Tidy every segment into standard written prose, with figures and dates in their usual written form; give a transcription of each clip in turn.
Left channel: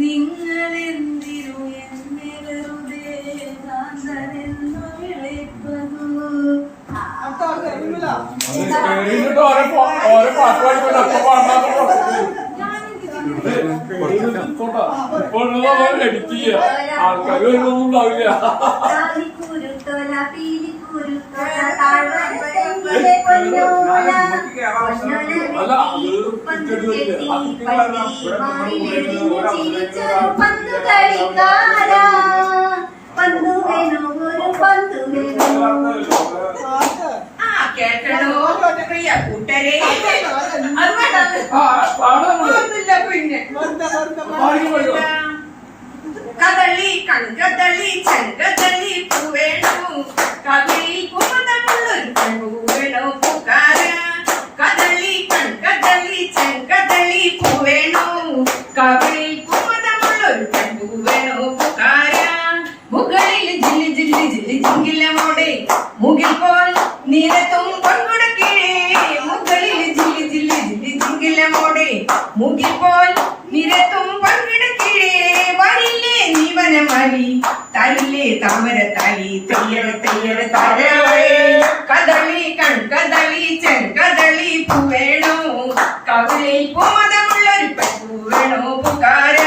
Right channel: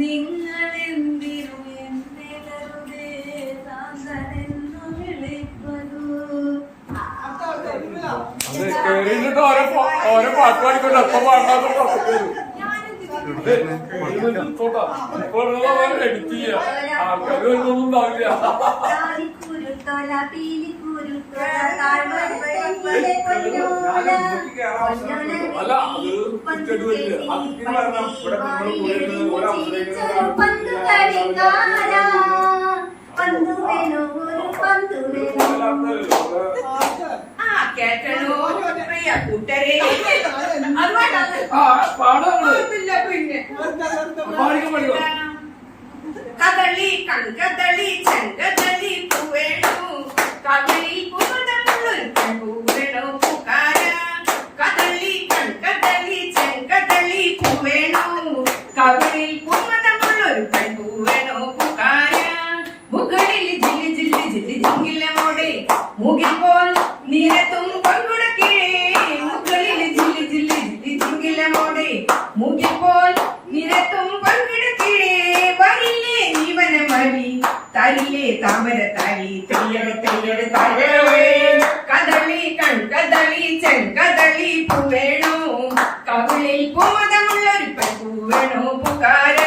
നിങ്ങളെന്തിനു എന്നെ വെറുതെ കാന്തനെന്നു വിളിപ്പതു. കുരുത്തോല പീലിക്കുരുത്തോല താഴ്വരയിലെ പൊന്നോല പന്തു കളിക്കാര പന്തു വേണോ ഒരു പന്തു വേണോ. കേട്ടോ പ്രിയ കൂട്ടരെ കദളി കൺകദളി ചെങ്കദളി പൂവേണു കദളി കുമുദമുള്ളൊരു പൂവേണു പൂക്കാര. കദളി കൺകദളി ചെങ്കദളി പൂവേണു കദളി കുമുദമുള്ളൊരു പൂവേണു പൂക്കാര. മുകളിൽ ജില്ലി ജില്ലി ജില്ലി ജിങ്കിലമോടെ മുകിൽ പോൽ നിരത്തും പങ്കുടക്കീഴേ. മുകളിൽ ജില്ലി ജില്ലി ജില്ലി ജിങ്കിലമോടെ മുകിൽ പോൽ നിരത്തും പങ്കിടക്കീഴേ. വരില്ലേ നീവനം വഴി തരില്ലേ താമര തായി തെയ്യട തെയ്യട താഴവേ. കദളി കൺകദളി ചെങ്കദളി പൂവേണോ കവിളിൽ കുമതമുള്ളൊരു പൂവേണോ പൂക്കാര.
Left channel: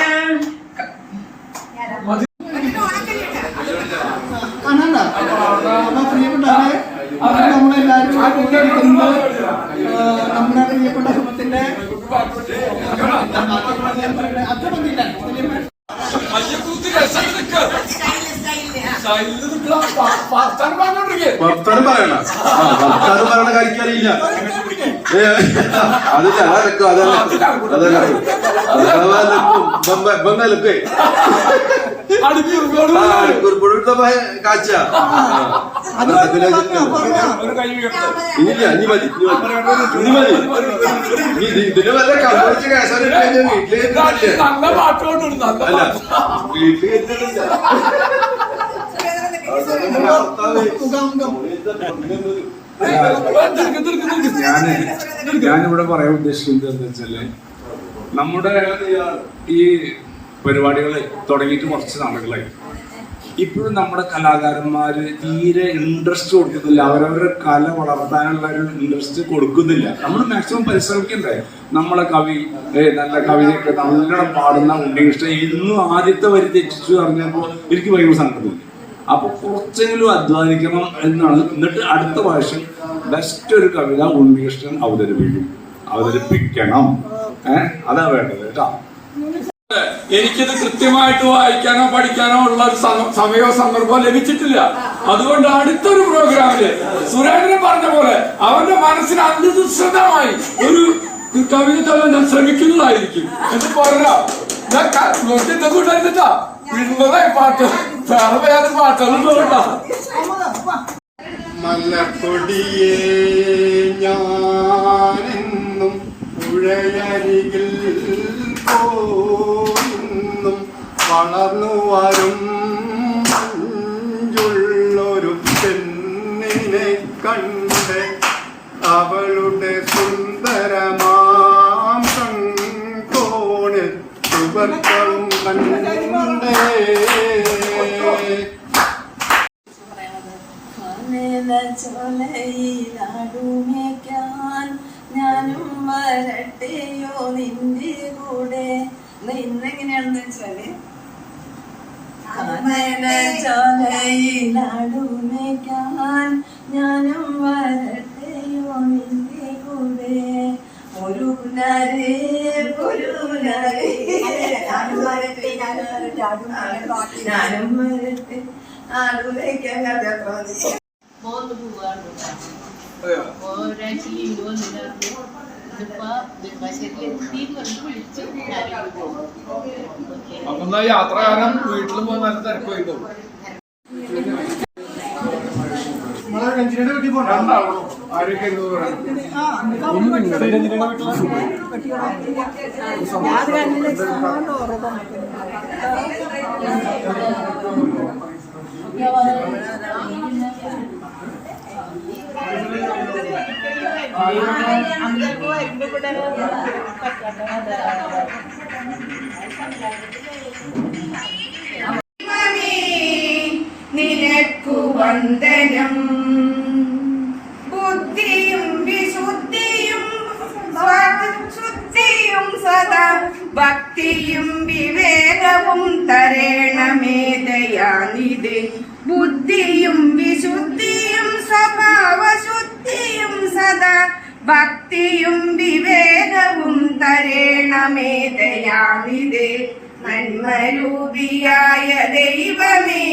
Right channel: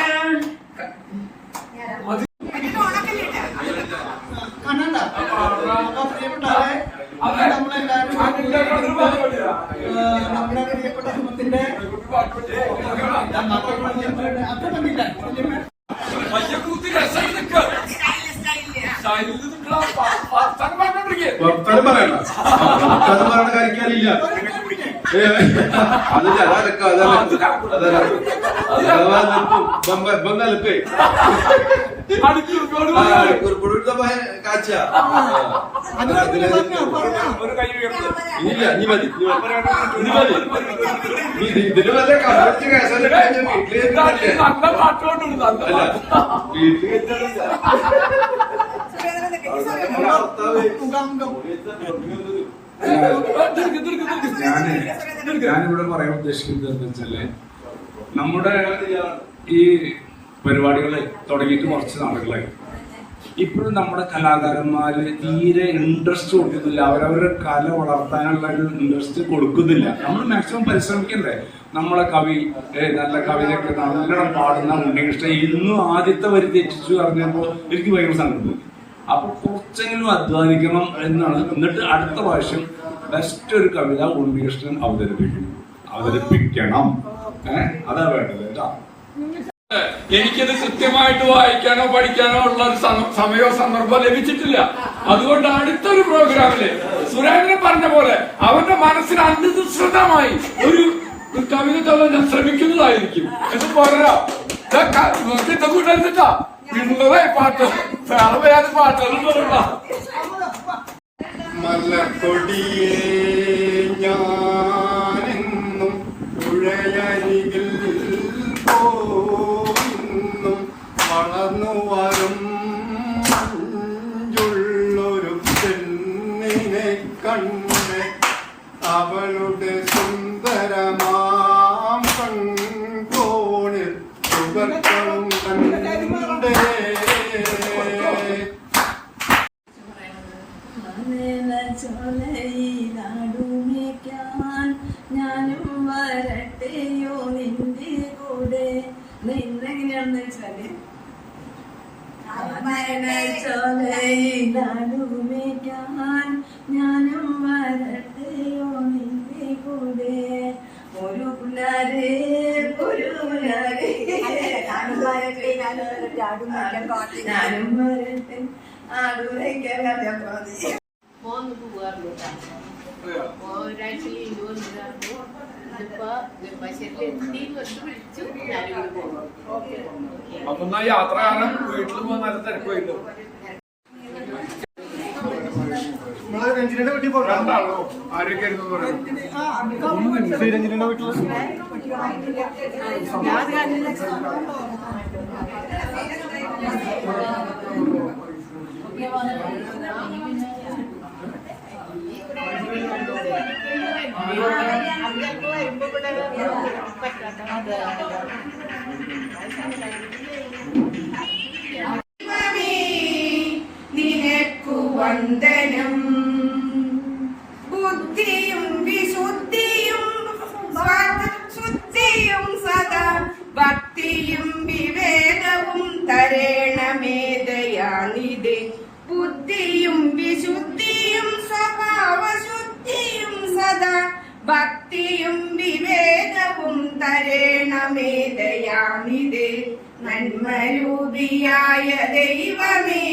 നമ്മുടെ പ്രിയപ്പെട്ട സുഹൃത്തിന്റെ അത്ര മതിയില്ല. കഴിക്കാറില്ല ബംഗാലൊക്കെ കാഴ്ച ഇനിയില്ല ഇനി മതി ഇനി മതി. ഇതിന് വല്ല കമ്പിടിച്ച് ഞാനിവിടെ പറയാൻ ഉദ്ദേശിക്കുന്നത് എന്താ വെച്ചാല്, നമ്മുടെ ഈ പരിപാടികൾ തുടങ്ങിയിട്ട് കുറച്ച് നാളുകളായി. ഇപ്പോഴും നമ്മുടെ കലാകാരന്മാര് തീരെ ഇൻട്രസ്റ്റ് കൊടുക്കുന്നില്ല. അവരവരുടെ കല വളർത്താനുള്ള ഒരു ഇൻട്രസ്റ്റ് കൊടുക്കുന്നില്ല. നമ്മൾ മാക്സിമം പരിശ്രമിക്കണ്ടേ. നമ്മളെ കവി നല്ല കവിതയൊക്കെ നല്ലോണം പാടുന്ന ഉണ്ണികൃഷ്ണൻ ഇന്നും ആദ്യത്തെ വരി തെറ്റിച്ചു പറഞ്ഞപ്പോൾ എനിക്ക് ഭയങ്കര സങ്കടം. അപ്പൊ കുറച്ചെങ്കിലും അധ്വാനിക്കണം എന്നാണ്. എന്നിട്ട് അടുത്ത പ്രാവശ്യം ബെസ്റ്റ് ഒരു കവിത ഉണ്ണികൃഷ്ണൻ അവതരിപ്പിക്കണം. അതാ വേണ്ടത് കേട്ടോ. എനിക്കിത് കൃത്യമായിട്ട് വായിക്കാനോ പഠിക്കാനോ ഉള്ള ഒരു സമയമോ സന്ദർഭമോ ലഭിച്ചിട്ടില്ല. അതുകൊണ്ട് അടുത്തൊരു പ്രോഗ്രാമില് സുരേന്ദ്രൻ പറഞ്ഞ പോലെ അവന്റെ മനസ്സിന് അനുസൃതമായി ഒരു കവിത തള്ളാൻ ഞാൻ ശ്രമിക്കുന്നതായിരിക്കും. എന്ന് പോരാ കൂട്ടാ ഉള്ളതേ പാട്ട് വേറെ വേറെ പാട്ടുകളുണ്ടാ. മലക്കൊടിയേ ഞാനെന്നും പുഴയരികിൽ പോയിന്നും വളർന്നു വരും മഞ്ചുള്ളൊരു പെണ്ണിനെ കണ്ട് അവളുടെ സുന്ദരമാം കൺകോണിൽ സുവർഗവും കണ്ടേ. ചോലയിലാടുമേക്കാൻ ഞാനും വരട്ടെയോ നിന്റെ കൂടെ. ഇന്നെങ്ങനെയാണെന്ന് വെച്ചാല് ചോലയിലാടുമേക്കാൻ ഞാനും വരട്ടെയോ നിന്റെ കൂടെ. ഒരു പുനാരേ ഞാനും വരട്ടെ ആടുമേക്കാൻ കഥ മതി. ഒരാഴ്ച ലീവ് വന്നിട്ടായിരുന്നു. ഇതിപ്പോ വിളിച്ചു ഞാനിവിടെ പോകും. അപ്പൊ യാത്രകാലം വീട്ടിലും നല്ല തിരക്കുണ്ടാവും. രഞ്ജിനിയുടെ വീട്ടിൽ പോകണം. ആരൊക്കെയായിരുന്നു പറയാം. രഞ്ജിനിയുടെ വീട്ടിൽ ഞാൻ വരുമ്പോ ഇവിടെ പറ്റാത്ത നിനക്കു വന്ദനം. ബുദ്ധിയും വിശുദ്ധിയും ശുദ്ധിയും സദാ ഭക്തിയും വിവേകവും തരേണമേ ദയാനിധി. ബുദ്ധിയും വിശുദ്ധിയും സ്വഭാവശുദ്ധിയും സദാ ഭക്തിയും വിവേകവും തരേണമേ ദയാനിധി. നന്മരൂപിയായ ദൈവമേ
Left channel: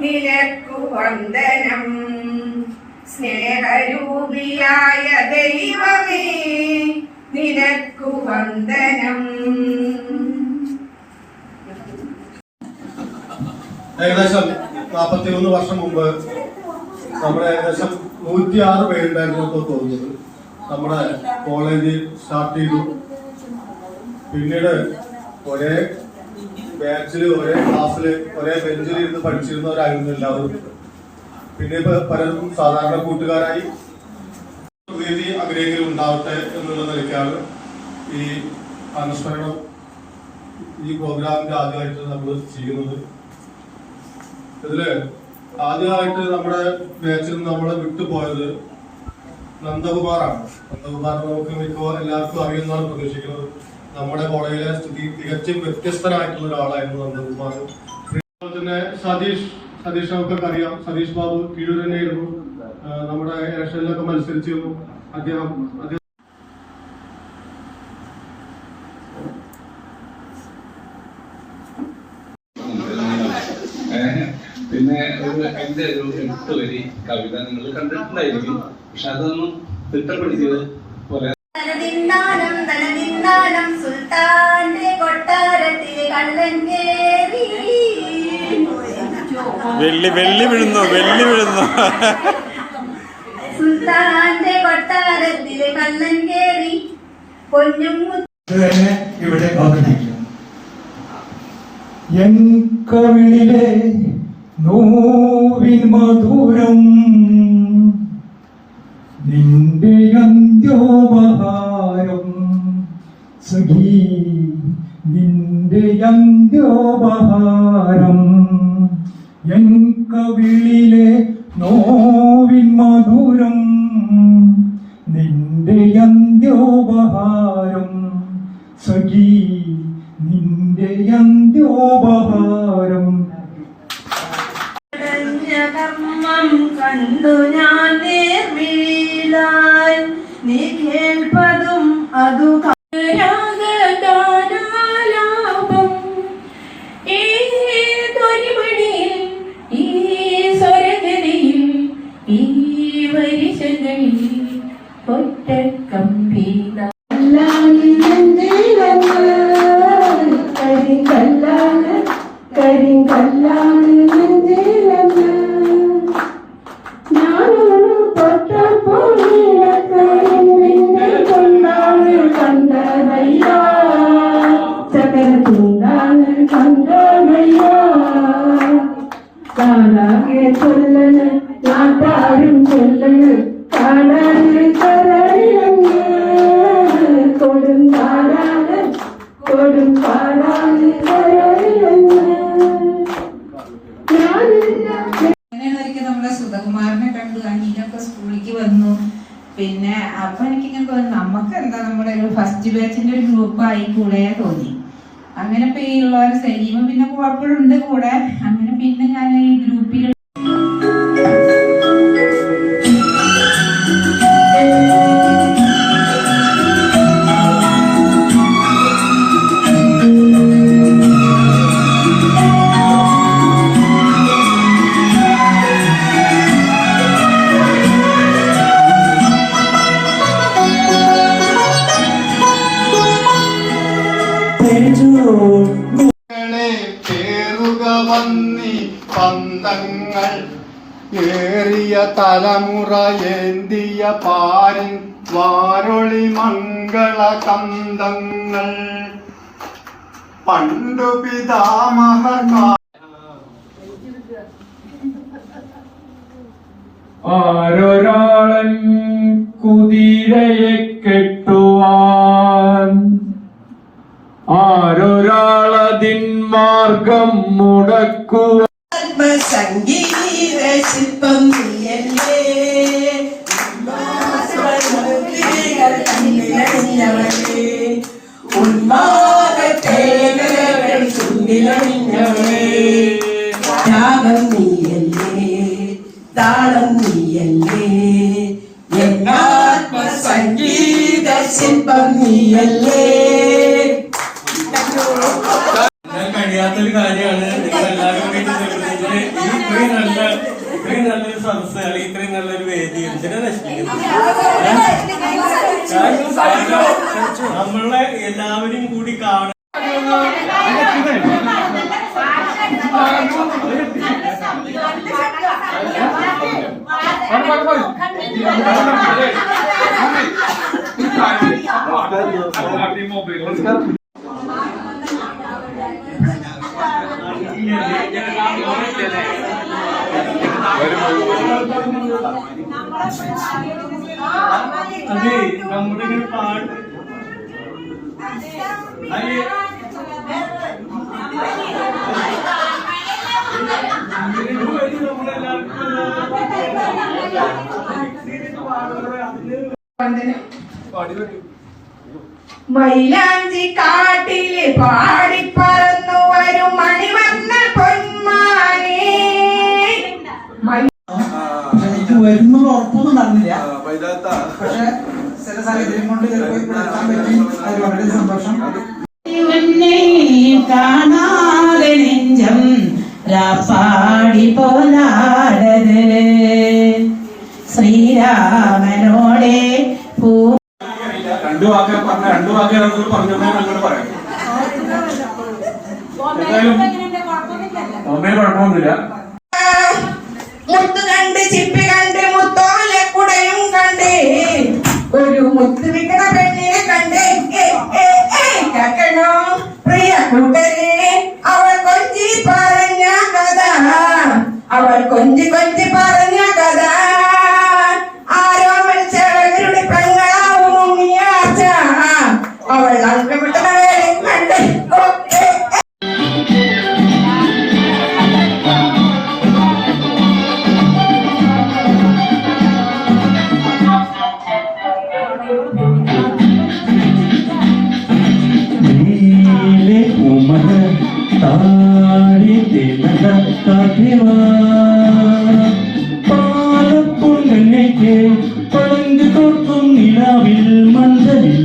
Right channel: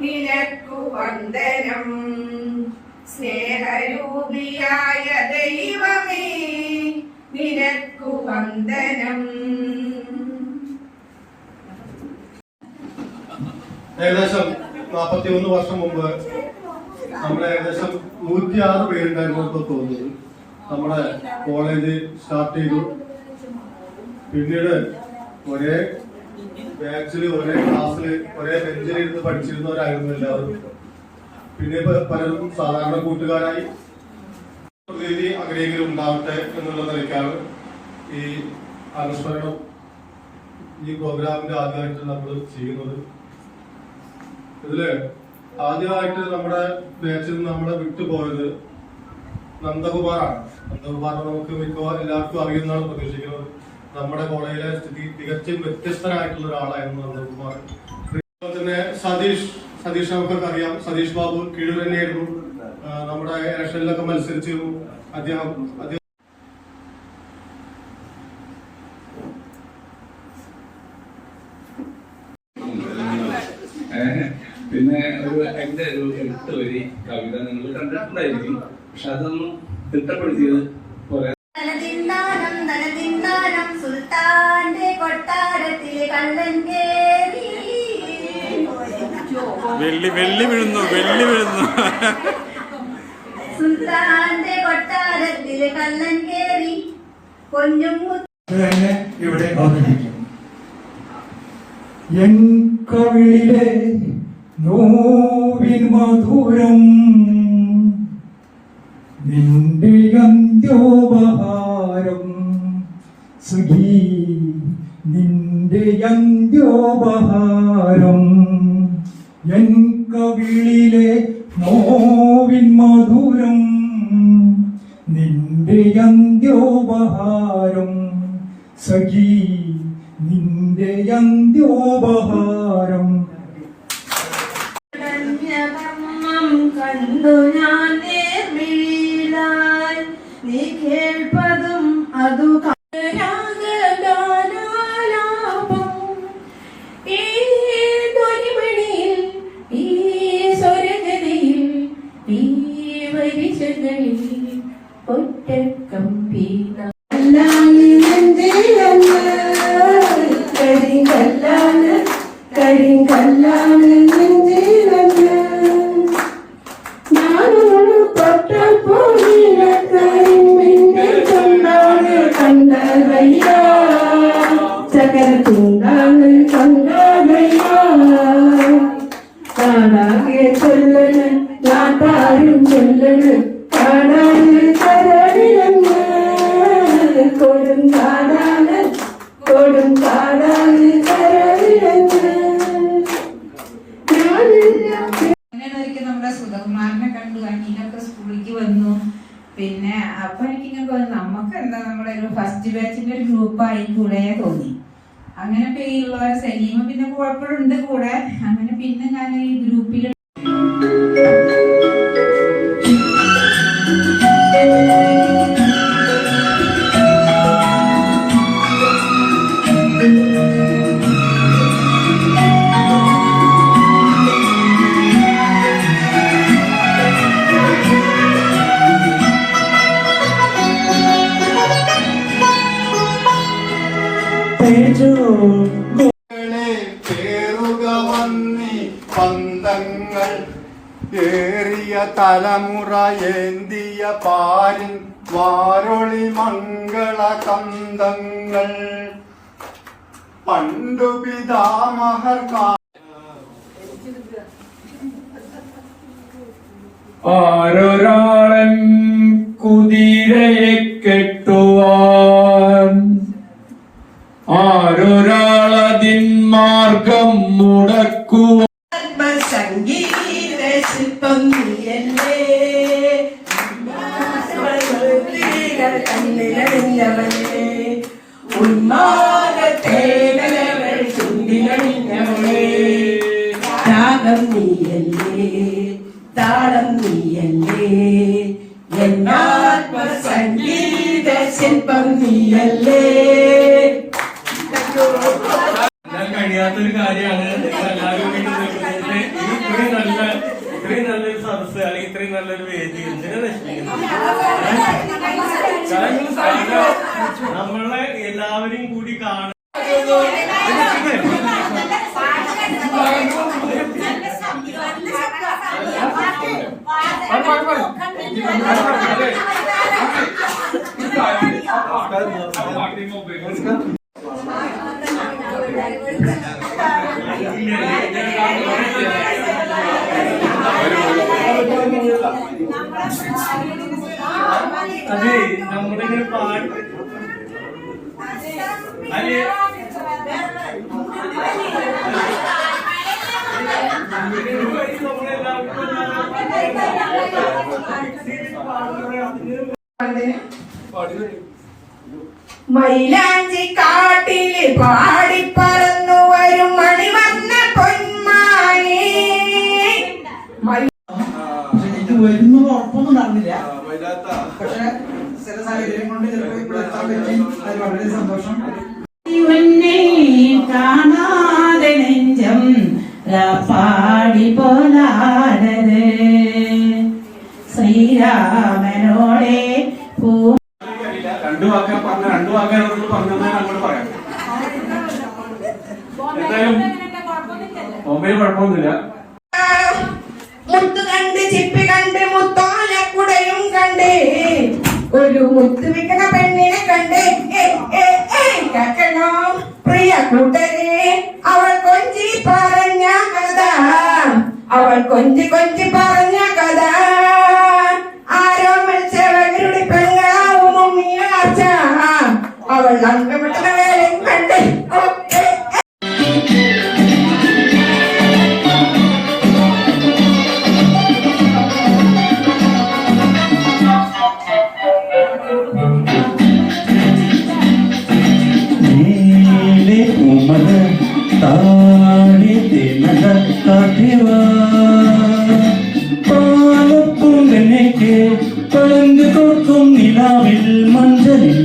നിനക്കു വന്ദനം. സ്നേഹരൂപിയായ ദൈവമേ നിനക്കു വന്ദനം. ഏകദേശം 41 വർഷം മുമ്പ് നമ്മുടെ ഏകദേശം 106 പേരുണ്ടായിരുന്നു തോന്നുന്നത്. നമ്മുടെ കോളേജ് സ്റ്റാർട്ട് ചെയ്തു. പിന്നീട് ഒരേ ബാച്ചില് ഒരേ ക്ലാസ്സില് ഒരേ ബെഞ്ചിൽ ഇരുന്ന് പഠിച്ചിരുന്നവരായിരുന്നു എല്ലാവരും. പിന്നെ പലരും സാധാരണ കൂട്ടുകാരായി. വേദി അങ്ങനെയെങ്കിലും ഉണ്ടാവട്ടെ എന്നുള്ള നിലയ്ക്കാണ് ഈ അനുസ്മരണം ഈ പ്രോഗ്രാമിന്റെ ആദ്യമായിട്ട് നമ്മൾ ചെയ്യുന്നത്. ഇതില് ആദ്യമായിട്ട് നമ്മുടെ ബാച്ചിൽ നിന്ന് നമ്മളെ വിട്ടുപോയത് നന്ദകുമാറാണ്. നന്ദകുമാർ നമുക്ക് എല്ലാവർക്കും അറിയുന്നതാണ് പ്രതീക്ഷിക്കുന്നത്. നമ്മുടെ കോളേജിലെ സ്ഥിതി തികച്ചും വ്യത്യസ്തനായിട്ടുള്ള ഒരാളായിരുന്നു നന്ദകുമാർ. അതുപോലെ തന്നെ സതീഷ് നമുക്കൊക്കെ അറിയാം. സതീഷ് ബാബു കീഴൂർ തന്നെയായിരുന്നു. നമ്മുടെ ഇലക്ഷനിലൊക്കെ മത്സരിച്ചിരുന്നു അദ്ദേഹം. പിന്നെ എന്റെ ഒരു 8 വരി കവിത നിങ്ങൾ കണ്ടിട്ടുണ്ടായിരിക്കും. പക്ഷെ അതൊന്നും തിട്ടപ്പെടുത്തിയത് പോലെ സുൽത്താന്റെ കൊട്ടാരത്തിൽ കള്ളൻ കേറി. വെള്ളി വീഴുന്നു. സുൽത്താന്റെ കൊട്ടാരത്തിൽ കള്ളൻ കേറി പൊന്നും ഇവിടെ അവതരിക്കും. എൻ കവിളിലെ നോവിൻ മധുരം നിന്റെ അന്ത്യോപഹാരം സഖി, നിന്റെ അന്ത്യോപഹാരം. എൻ കവിളിലെ നോവിൻ മധുരം നിന്റെ അന്ത്യോപഹാരം സഖി, നിന്റെ അന്ത്യോപഹാരം. കർമ്മം കണ്ടു ഞാൻ നേർമിഴിയിലായി നീ കേൾപ്പതും അതു രാഗഗാനാലാപം ഈ ധ്വനിമണിയിൽ ഈ സ്വരഗതിയിൽ ഈ വരിശകളിൽ ഒറ്റക്കമ്പീത കാണാകെ ചൊല്ലണ് നാട്ടാരും ചൊല്ലണ് കാണാന് കരടിലങ്ങ് കൊടും കാണാന് കരടിലങ്ങ്. അങ്ങനെയാണ് ഒരിക്കൽ നമ്മുടെ സുധകുമാറിനെ കണ്ടു. അനിയനൊക്കെ സ്കൂളിലേക്ക് വന്നു. പിന്നെ അപ്പൊ എനിക്കിങ്ങനെ തോന്നി നമുക്ക് എന്താ നമ്മുടെ ഒരു ഫസ്റ്റ് ബാച്ചിന്റെ ഒരു ഗ്രൂപ്പ് ആയി കൂടെ തോന്നി. അങ്ങനെ ഇപ്പൊ ഈ ഉള്ളവർ സലീമ പിന്നെ കുഴപ്പമുണ്ട് കൂടെ. അങ്ങനെ പിന്നെ ഞാൻ ഈ ഗ്രൂപ്പിൽ പന്തങ്ങൾ ഏറിയ തലമുറ ഏന്തിയ പാരിൻ വാരൊളി മംഗള കന്തങ്ങൾ പണ്ടു പിതാമഹർ ആരൊരാളൻ കുതിരയെ കെട്ടു ആരൊരാളതിൻ മാർഗം മുടക്കുക സംഗീത ശില്പം നീയല്ലേ കണ്ണിലണിഞ്ഞവളേ ഉന്മാദത്തേകൾ ചുണ്ടിലണിഞ്ഞവളേ രാഗം നീയല്ലേ താളം നീയല്ലേ എന്നാത്മ സംഗീത ശില്പം നീയല്ലേ. കഴിയാത്തൊരു കാര്യമാണ് എല്ലാവരും ഇത്രയും നല്ലൊരു സദസ് അല്ലെങ്കിൽ ഇത്രയും നല്ലൊരു വേദി എന്തിനാ നശിപ്പിക്കുന്നത്? നമ്മളെ എല്ലാവരും കൂടി കാണാൻ അതെ നമ്മുടെ ഇങ്ങനെ പാട്ട് അതെ മൈലാഞ്ചി കാട്ടില് പാടിപ്പറന്നു വരും മണിവർണ്ണ പൊന്മാനേ. എനിക്ക് വരുന്നത് ഉറപ്പൊന്നും നടന്നില്ല. പക്ഷെ ചില സാഹചര്യം കൊണ്ട് ചിലപ്പോൾ ഇവിടെ എത്താൻ പറ്റി. അത് വളരെ സന്തോഷം. ഇവനെ കാണാതെ നെഞ്ചം പാടി പോലാടത് ശ്രീരാമനോടെ പൂ രണ്ടു വാക്കാൻ പറഞ്ഞത് ഞങ്ങൾ പറയാം. എന്തായാലും ഒന്നേ കുഴപ്പമൊന്നുമില്ല. മുത്ത് കണ്ട് ചിപ്പി കണ്ട് മുത്തോല കുടയും കണ്ട് ഒരു മുത്ത് വിൽക്കണ പെണ്ണിനെ കണ്ട് കേൾക്കണോ പ്രിയ കൂട്ടരെ അവൾ കൊഞ്ചി പറഞ്ഞ കഥ അവൾ കൊഞ്ചി പറഞ്ഞ കഥ ആരോ മനുഷ്യരുടെ പെങ്ങളാവും ഉണ്ണിയാച്ച അവൾ അങ്കപ്പെട്ട കണ്ട് പാലപ്പുങ്കനേക്ക് പളങ്ക് തോർക്കും നിലാവിൽ മഞ്ചലിൽ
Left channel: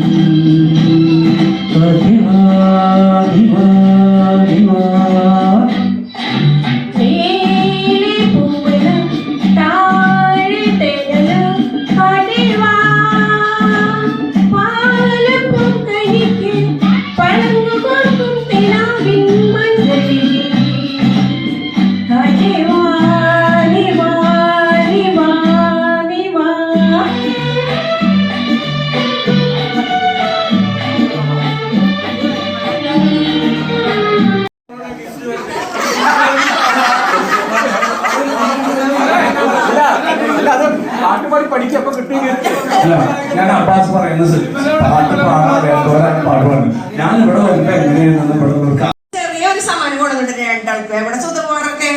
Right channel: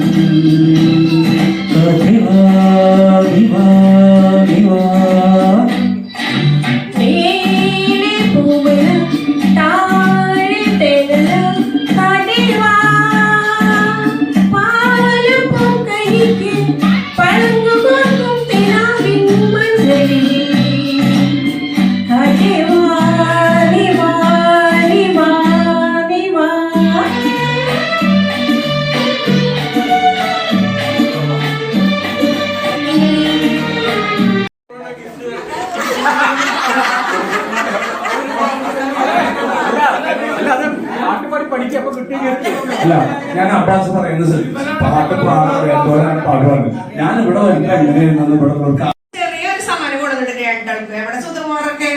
അല്ല, ഞാൻ അബ്ബാസ് പറയുന്നത് പാട്ട് പാടാൻ അറിയാത്തവരാണ് പാടുവാണ്. ഞാൻ ഇവിടെ വരുമ്പോ എങ്ങനെയാണെന്ന് ഇവിടെ ചെറിയൊരു സമ്മാനം കൊടുത്തിട്ടുണ്ട് രണ്ടാൾക്ക്. എവിടെ സുധകുമാറൊക്കെ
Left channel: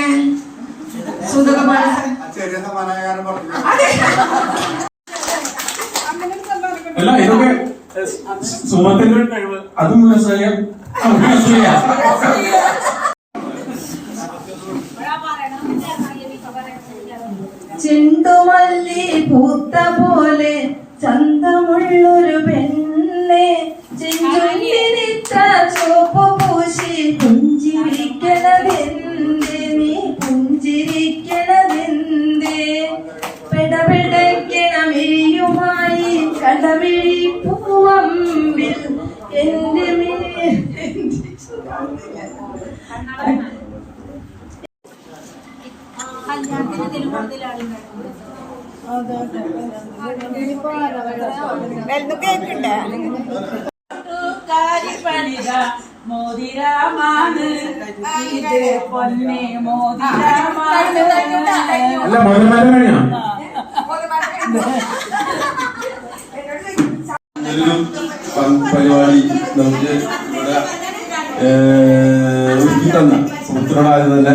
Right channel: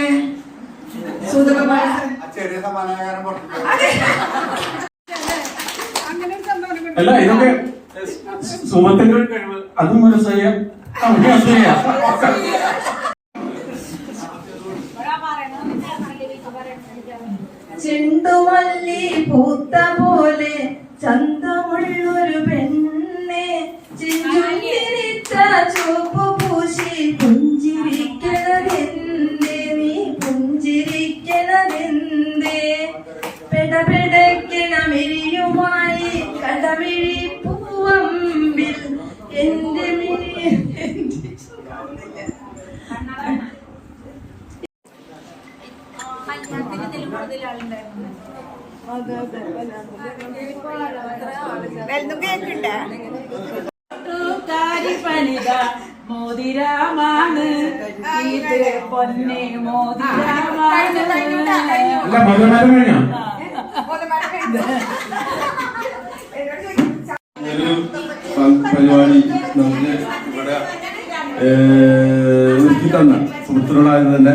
ചെറിയ സമാധാനം പുറത്തേക്ക് അല്ല, ഇതൊക്കെ സുമത്തിന്റെ ഒരു കഴിവ്. അതും ചെണ്ടുമല്ലി പൂത്ത പോലെ ചന്തമുള്ളൊരു പെണ്ണെ ചിന്തിരിച്ച ചുവപ്പ് പൂശി പുഞ്ചിരിക്കണതെന്തേ നീ പുഞ്ചിരിക്കണതെന്തേ പെടപെടക്കണ മെരിയുമായി കടമിഴി പൂവമ്പിൽ എന്റെ പണിത മോതിരാമാണ് ഇത് പൊന്നെ മോതിരാമാണ്. അല്ല, മലമരം കഴിഞ്ഞോ? പരിപാടി നമുക്ക് ഇവിടെ ഒരുക്കി തന്ന സുഹൃത്തിനോടായത് തന്നെ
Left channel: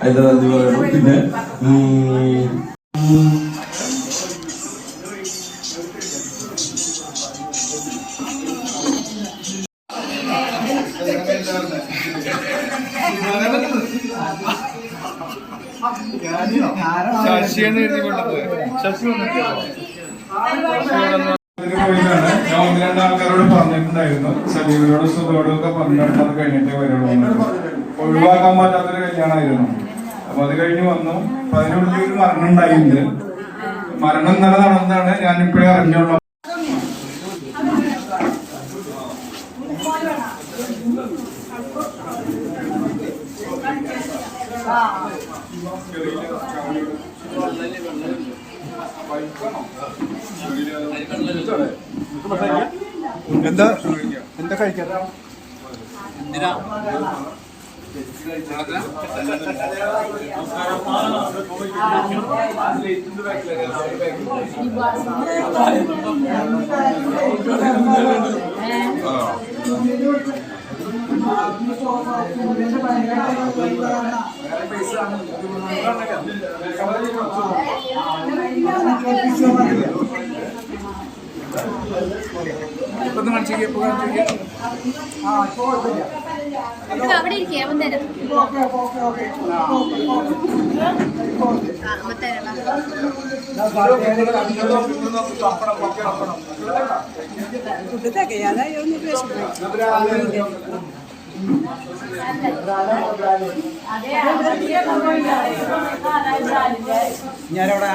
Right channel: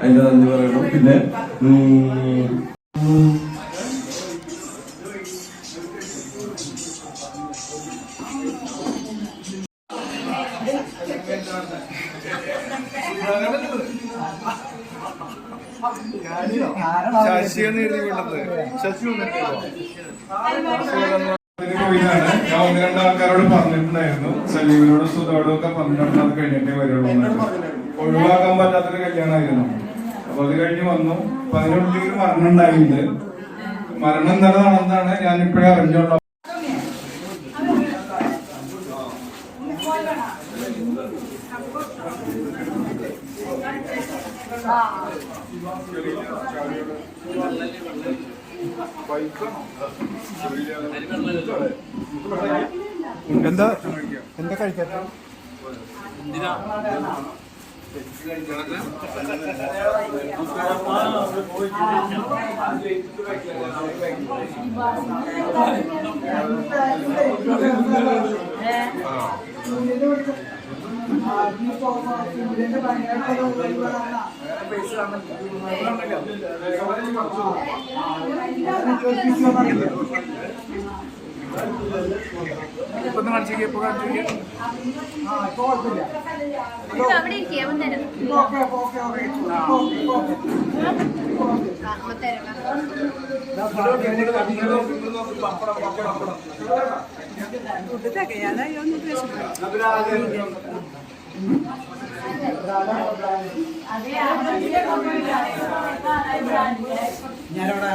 അതിന്റെ നന്ദി പറയുന്നു. പിന്നെ ശശിയാണ് എഴുതിക്കൊണ്ടത്. ശശി ഞാൻ ഒന്ന് രണ്ട് ആൾക്കാരോട് പറഞ്ഞിട്ടുണ്ടായിരുന്നു, സലീമിനോടും സുധോടും ഒക്കെ പറഞ്ഞിട്ട് അത് കഴിഞ്ഞിട്ടേ വരുള്ളൂ. ഒഴിവാക്കാൻ പറ്റാത്തൊരു കല്യാണമായിരുന്നു. അപ്പൊ അത് കഴിഞ്ഞ് വന്നു. അപ്പൊ അതിനുള്ളിൽ ഒരു മരണം ഉണ്ടായിട്ടുണ്ട്. മരണം ഇന്നലെ നടന്നതാണ് ഞാൻ ഇപ്പോഴേ അറിഞ്ഞുള്ളൂ. എന്താ കഴിക്കാത്ത എന്തിനാ അവിടെ ഇരിക്കേ അവൻ തരാം ഞാനവിടെ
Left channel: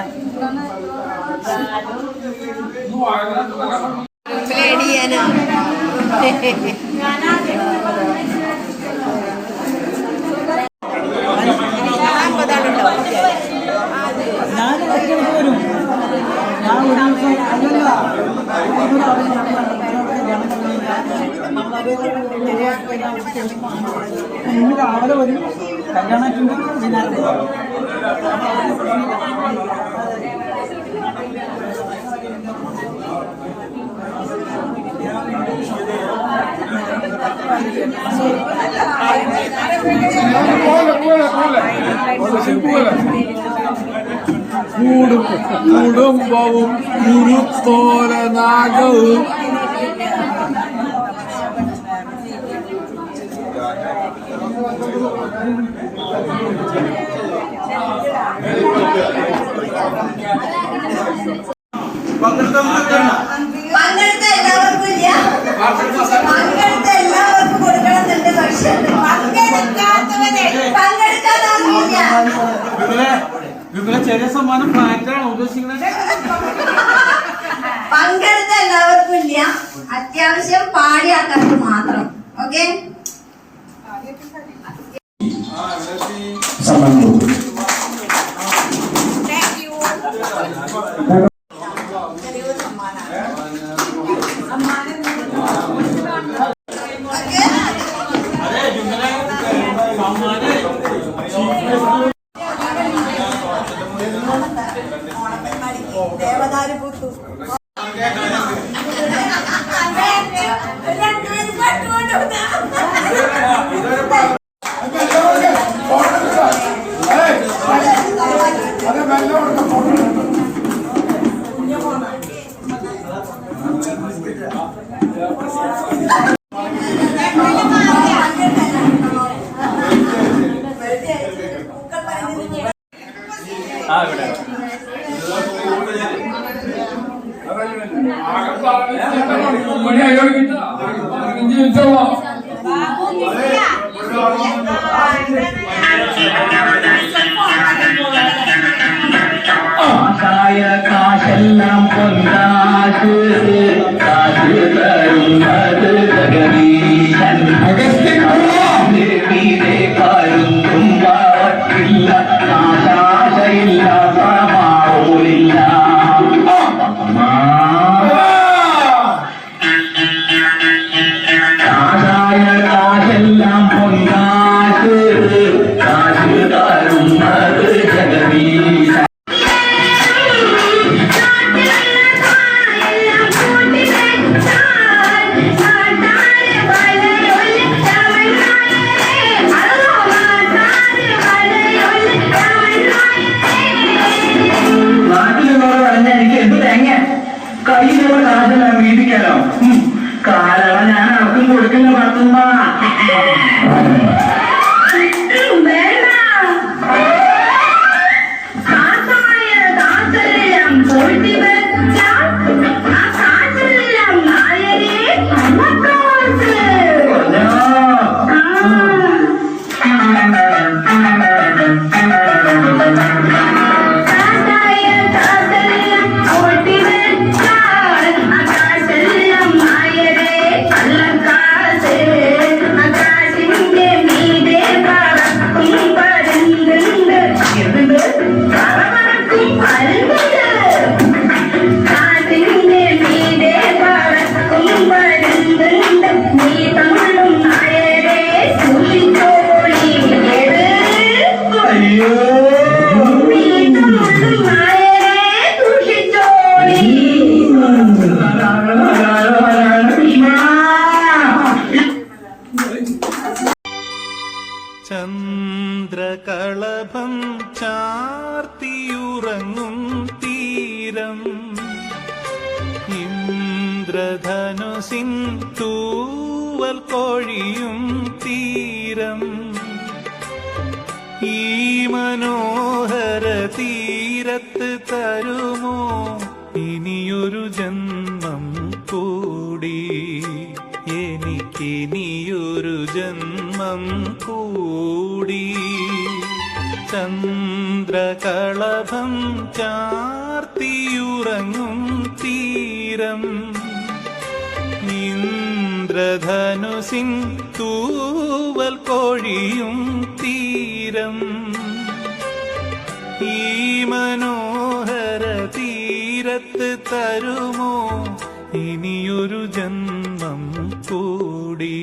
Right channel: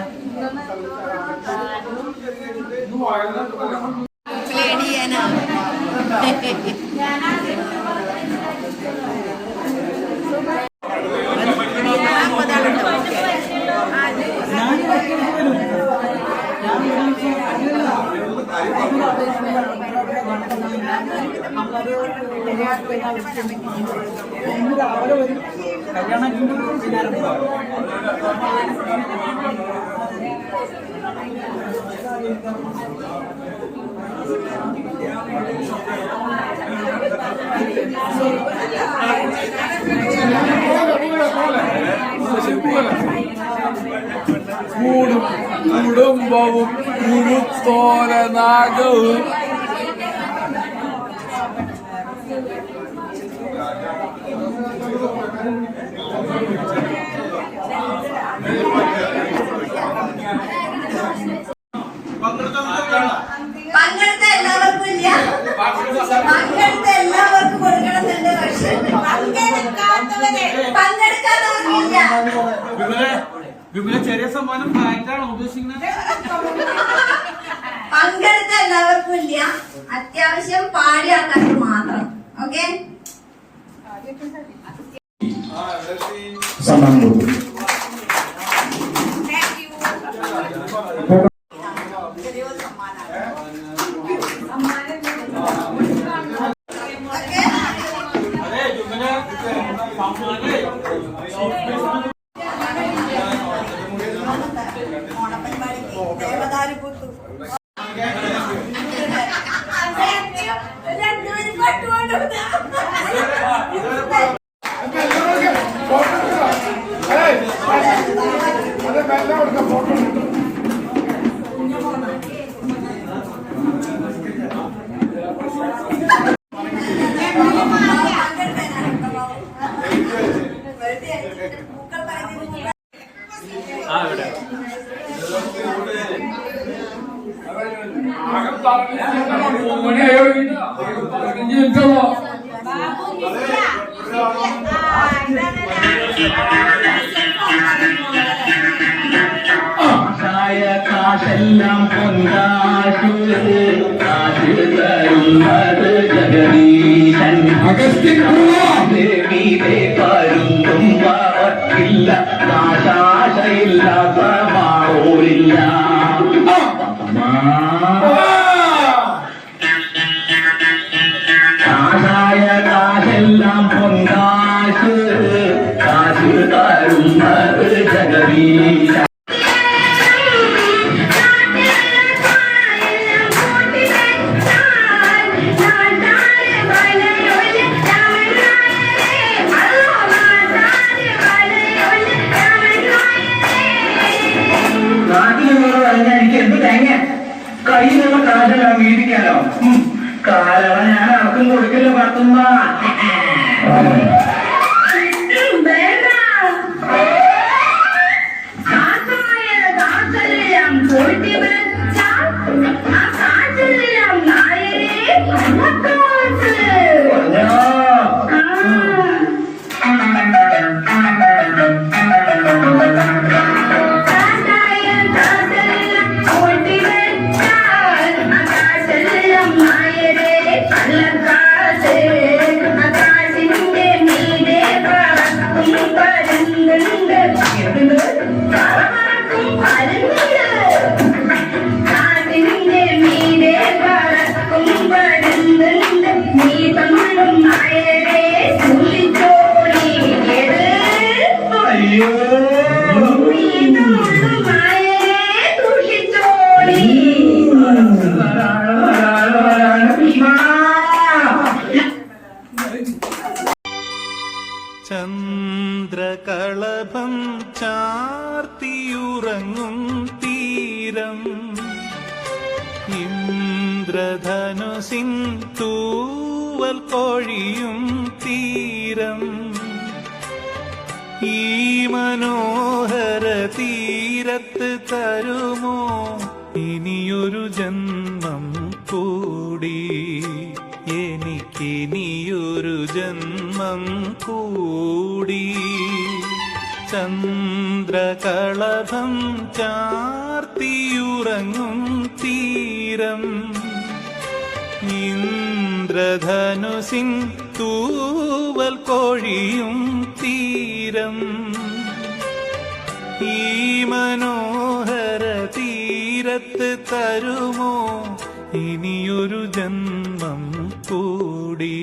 രാവിലെ വരും കല്യാണത്തിന് കുടുംബവും കുരുത്തോലനാഗവും പങ്കെടുത്ത എല്ലാവർക്കും ഇല്ല, പങ്കെടുത്ത എല്ലാവർക്കും കൊടുക്കണമെന്നുണ്ട്. പക്ഷെ പങ്കെടുക്കാത്തവർക്കില്ല. വിപുല ചെറിയ സമ്മാനം മാറ്റാണോ ഉദ്ദേശിക്കുന്നത്? പങ്കെടുത്ത എല്ലാവർക്കും ഇല്ല, അത്യാവശ്യം പാടിയ ആൾക്കാർക്ക് മാത്രം. ഓക്കെ, സമ്മാനം കൊടുക്കും. കാശെല്ലാം പൊന്താശ് കാശ് തരുന്നത് ജഗദീശൻ ദേവിയെ കരുതും വാക്കില്ല കാശാശയില്ല പ്രമാണോരില്ല കാശായ കാശെല്ലാം പൊന്താശ് കാശ് തരുന്നത് ജഗദീശൻ Bye. ചന്ദ്രകളഭം ചാർത്തിയുറങ്ങും തീരം ഇന്ദ്രധനുസിൻ തൂവൽ കൊഴിയും തീരം ഈ മനോഹര തീരത്ത് തരുമോ ഇനിയൊരു ജന്മം കൂടി എനിക്കിനിയൊരു ജന്മം കൂടി ചന്ദ്രകളഭം ചാർത്തിയുറങ്ങും തീരം ഇന്ദ്രധനുസിൻ തൂവൽ കൊഴിയും തീരം ഈ മനോഹര തീരത്ത് തരുമോ ഇനിയൊരു ജന്മം കൂടി